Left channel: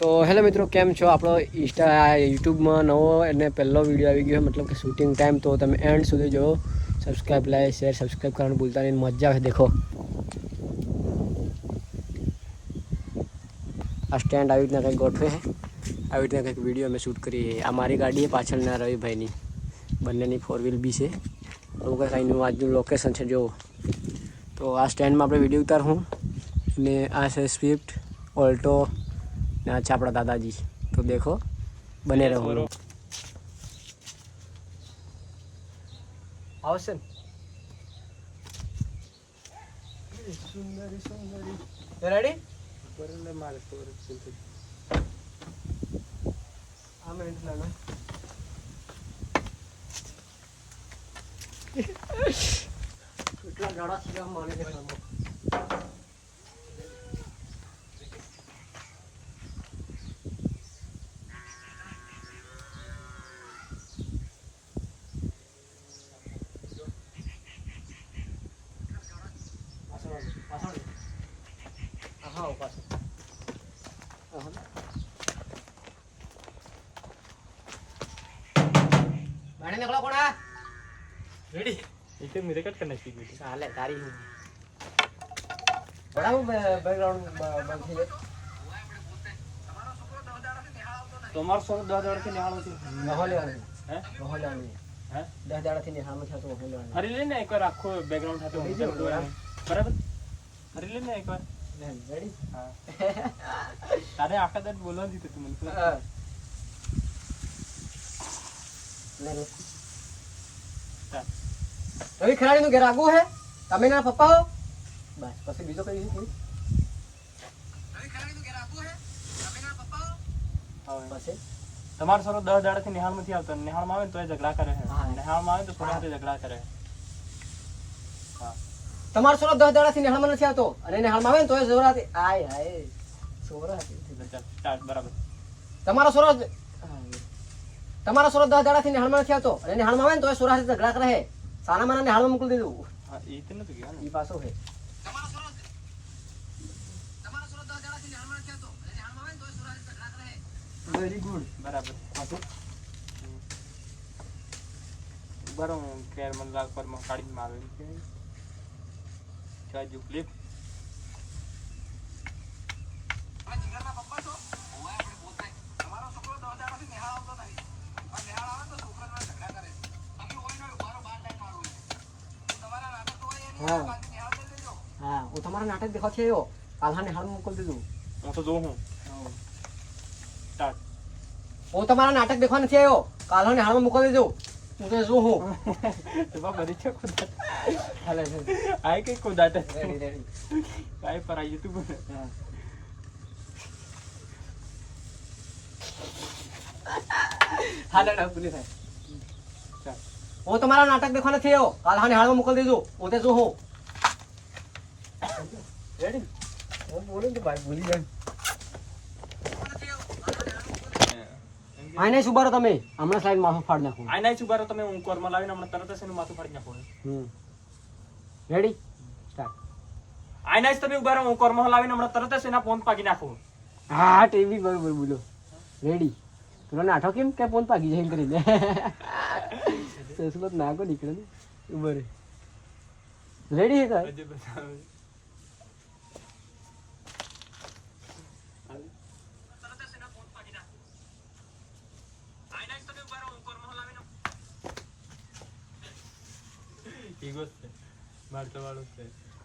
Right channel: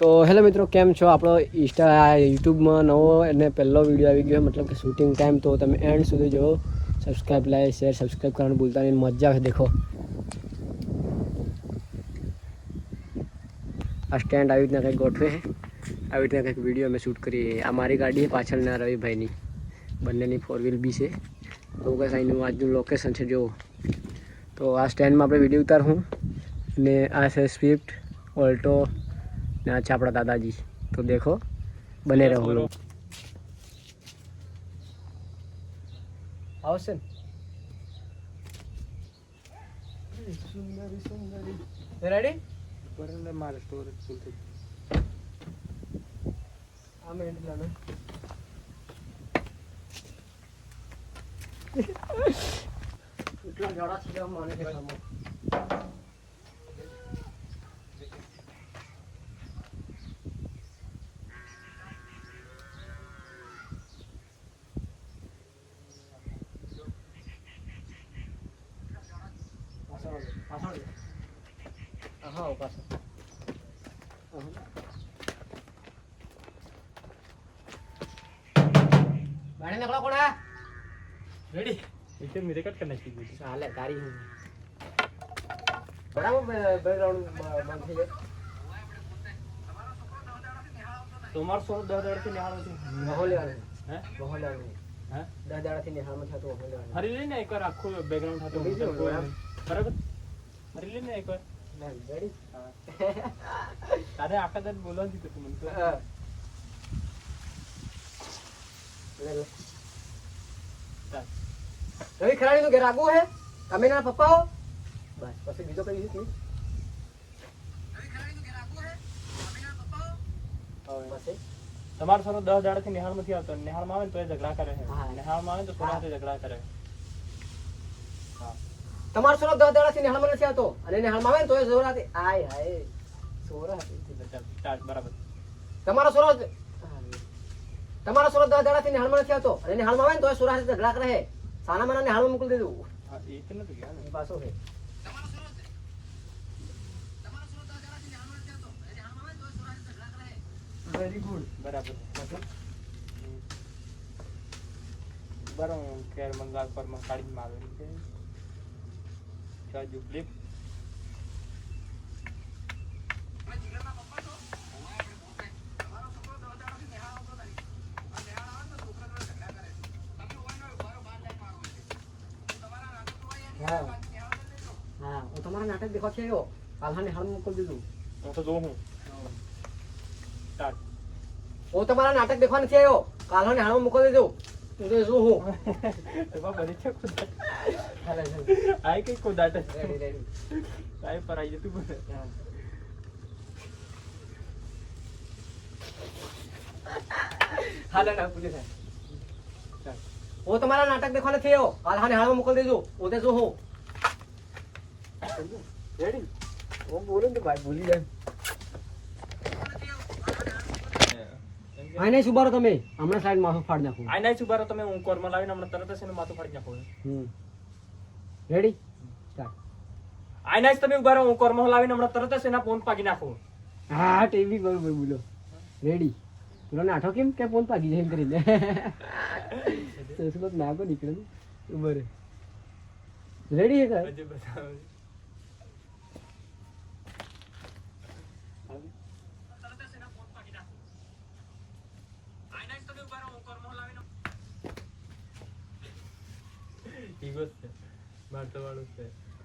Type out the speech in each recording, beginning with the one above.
તો હેલો મિત્રો, કેમ છો? આપણો યુટ્યુબમાં નવો અને પહેલો વિડીયો આવી ગયો, મતલબ કે શૂટિંગ ટાઈમ. તો તમે એન્ડ સુધી જો, સબસ્ક્રાઈબ, લાઈક, શેર, સબસ્ક્રાઈબ કરવાનું ભૂલતા નહીં. મજા આવે. દેખો આ સ્ટેન્ડ આવી રીતના કંઈક ગોઠવે છે, આવી રીતના કંઈક વિડીયો અમે શૂટ કરીએ. આ મારી ગાડી છે, પાછળના રવિભાઈની, બંનેની 4 વ્હીલ બી છે. એવું કંઈક અહીંનું આજનું લોકેશન છે જુઓ. તો આ સ્ટેન્ડમાં આપણે વિડીયો ઉતારું અને આ છે સ્વિફ્ટ ઓલ્ટો ને આ છે આપણા દાદાજી. તો દેખો, બને રહો. આવશે ને સુંદરી સુંદરી. રેડી? આમે એટલા કેટલા જાડા છે માને છે કામ. પાછળ હા પાછળ ગાડી નીકળો. કોણ રેડી? इसे मेरे कट करना चाहिए. चाले तारी हूं बड़ा बैकग्राउंड बंद है. તમાર સો 10 દાડા થી નિહાળો છે. માહોલ આવે હે માહોલ આવે હે 10 દાડા થી નિહાળો છે. તો માહોલ આવે. હરી લેને એકવાર આખો બેકગ્રાઉન્ડ થતો બરાબર. હરી લેને એકવાર. રેડી? હા. તારે આખા દર બોલવાનું દીધું તું મને તો. હા લે લો. રવિ ખરાડી નું ઘર આગું હે. તમે ના પપ્પા હો. બસ પછી બીજો કઈ નથી. રવિ ખરાડી નું ઘર આગું હે. તમે ના પપ્પા હો. હવે પછી તમારો સરો 10 દાડા થી નિહાળ માંથી આવતો. નિહાળ માં આવે ને તો ઝઘડા કરે છે. નિહાળ માં આવે તો થોડા હાથે ઝઘડા કરે. હા તમારો સરો 10 દાડા થી નિહાળ માં નથી આવતો અને નિહાળ માં આવે ને તો જોરાથી આય હાય સોરાથી. ચાલ સ્ટાર્ટ બરાબર. તમારો સરો 10 દાડા થી નિહાળ માં નથી આવતો અને નિહાળ માં આવે ને તો સોરાથી ઝઘડા કરે. સાના માના ને હાલમાં મોકલી દીધું. હા એ તો નથી ગયા ને. ઈ પાછો છે. તમારો સોરો 10 દાડા થી હાલમાં ખેલતો અને હાલમાં આવે તો સોરાથી ઝઘડા કરે. Very good. બરાબર. બરો કેર મન લાગ પર માં કાઢી માં આવે છે. ચાજુ ક્લિપ. આ જીગરના પપ્પા છો. ઓય આપણે બોલતે. તમારો છોકરો 10 દાડા થી નિહાળ આવતો નહીં. અને નિહાળ આવે તો છોકરાને ઝઘડા કરે. हाँ वो तुम्हारा नाटक देखा थे यो काल्हा ने हाल मोकल दीधું. હું તો જો હું સ્ટાર્ટ. वो तुम्हारा नाटक देखा નથી આવ્યો. કાલ્हा ને હાલ મોકલ દેજો. હું તો જો હું તો બા બરી છે ખુદ હાલે છે. આઈ કે ખુદ આટે રેડી રેડી કાઈ પર આવી તું બોલ. હાલે ના પુલિસ है. वो तुम्हारा नाटक देखा नहीं हो. काल्हा ने हाल में मोकल देजो. वो ते जो हो रेडी. वो बोले तो भाई बोली जाए. આઈ નહીં સુબારો તમે હમણાં સાઈડ માથું ફાડી નાખો. આઈ નહીં સુબારો તમે હું કોરમાં લાવીને હમણાં તરત જ એનું માથું ફાડી નાખો. Ready start. આઈ નહીં તમે ઉભા રહો. હું કોરમાં લાવીને હમણાં તરત જ એના ફોન પાકી નાખો. હા ટીવી બરોબર બોલો. રેડી? પેલો નાઠો કેમ કે ફોન પાકી જાય કરીને સસલો નાગો નીકળે ને ઉભો રે. રેડી હે કાય?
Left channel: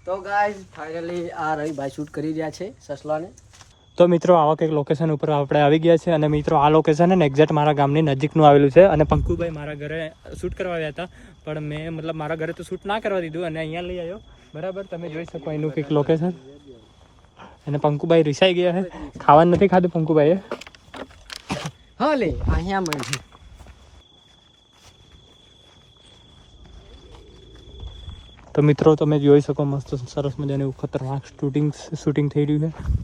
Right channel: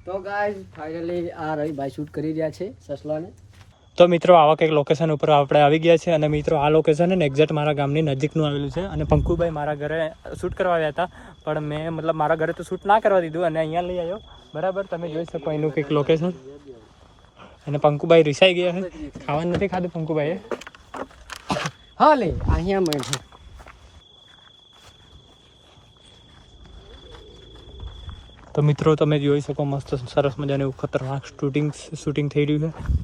તો ગાઈસ ફાઇનલી આ રવિભાઈ શૂટ કરી રહ્યા છે સસલાને. તો મિત્રો આવા કંઈક લોકેશન ઉપર આપણે આવી ગયા છે. અને મિત્રો આ લોકેશન છે ને એક્ઝેક્ટ મારા ગામની નજીકનું આવેલું છે. અને પંકુભાઈ મારા ઘરે શૂટ કરવા આવ્યા હતા, પણ મેં મતલબ મારા ઘરે તો શૂટ ના કરવા દીધું અને અહીંયા લઈ આવ્યો. બરાબર, તમે જોઈ શકો એનું કંઈક લોકેશન. અને પંકુભાઈ રિસાઈ ગયા છે. ખાવાનું નથી ખાધું પંકુભાઈએ. હા લે અહીંયા મળે. તો મિત્રો તમે જોઈ શકો મસ્ત સરસ મજાનું ખતરનાક શૂટિંગ થઈ રહ્યું છે.